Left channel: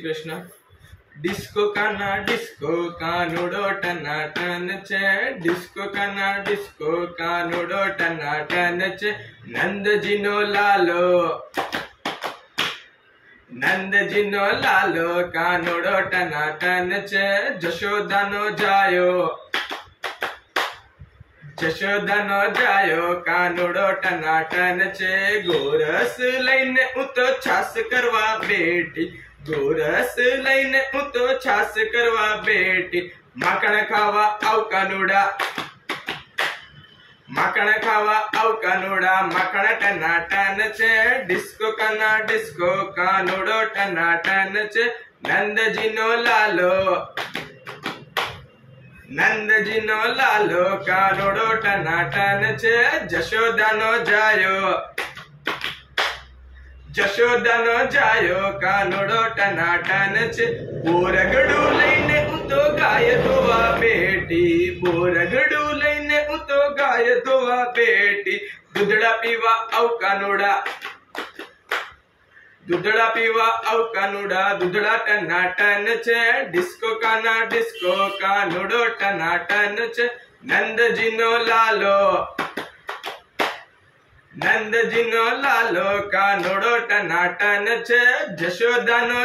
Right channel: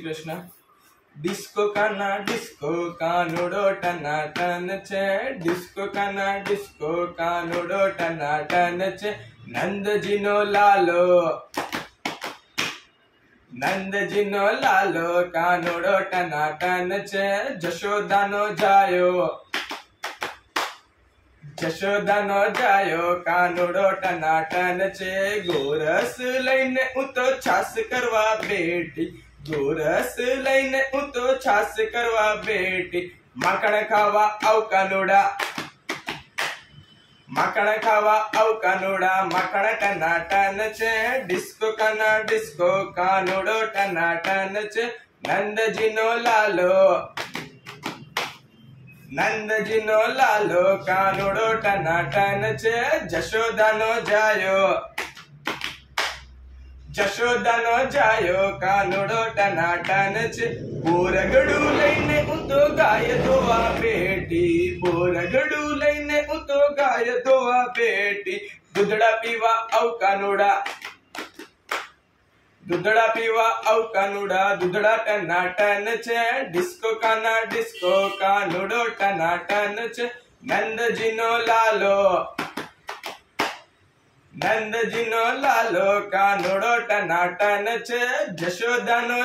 Shri Krishna. Disco कानुडो टनाटन छे, disco कानुडो टनाटन छे। Nandji no लालो कानुडो टनाटन छे। जशोदा नो जायो कानुडो टनाटन छे। गोरस लईने उतो छास करवा बेटी, गोरस लईने उतो छास करवा बेटी। माखण खावा आव कानुडा, माखण खावा आव कानुडा, माखण टनाटन छे। डिस्को कानुडो टनाटन छे। नंदजी नो लालो कानुडो टनाटन छे। जशोदा नो जायो कानुडो टनाटन छे। बोरगडू लईने उतो गाय धोवा बेटी, बोरगडू लईने उतो गाय धोवा बेटी। दूधड़ा पीवा आव कानुडा, दूधड़ा पीवा आव कानुडा, दूधड़ा टनाटन छे। डिस्को कानुडो टनाटन छे। नंदजी नो लालो कानुडो टनाटन छे। जशोदा नो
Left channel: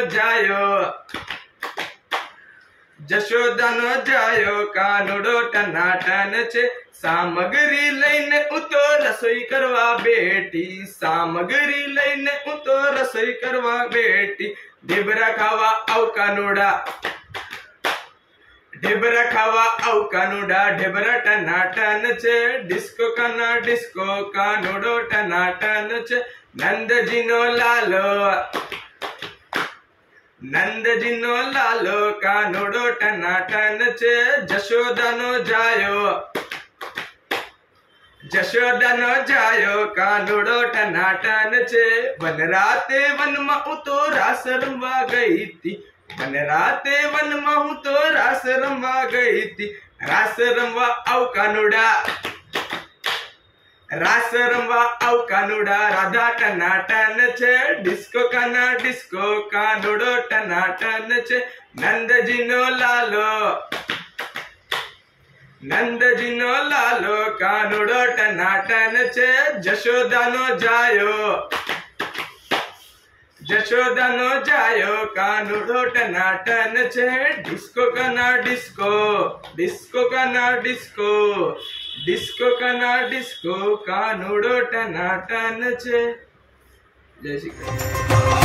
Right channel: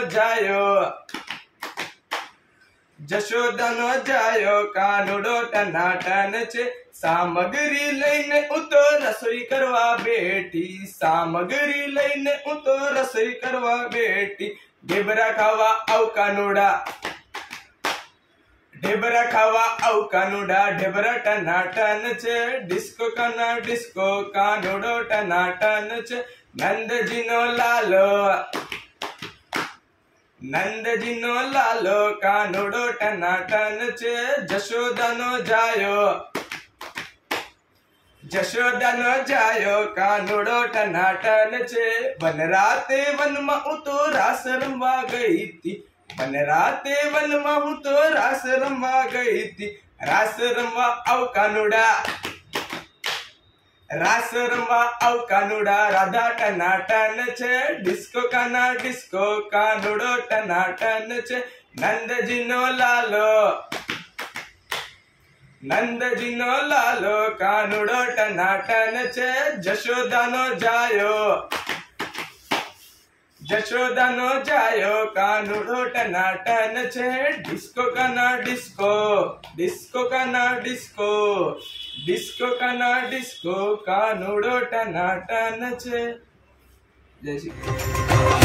जायो कानुडो टनाटन छे। सामग्री लईने उतो रसोई करवा बेटी, सामग्री लईने उतो रसोई करवा बेटी। ढेबरा खावा आव कानुडा, ढेबरा खावा आव कानुडा, ढेबरा टनाटन छे। डिस्को कानुडो टनाटन छे। नंदजी नो लालो कानुडो टनाटन छे। जशोदा नो जायो कानुडो टनाटन छे। वनराते वन में उतो रास रमवा गई थी, वनराते वन में उतो रास रमवा गई थी। रास रमवा आव कानुडा, रास रमवा आव कानुडा, राधा टनाटन छे। डिस्को कानुडो टनाटन छे। नंदजी नो लालो कानुडो टनाटन छे। जशोदा नो जायो कानुडो टनाटन छे। डिस्को कानुडो टनाटन छे। जय श्री कृष्ण।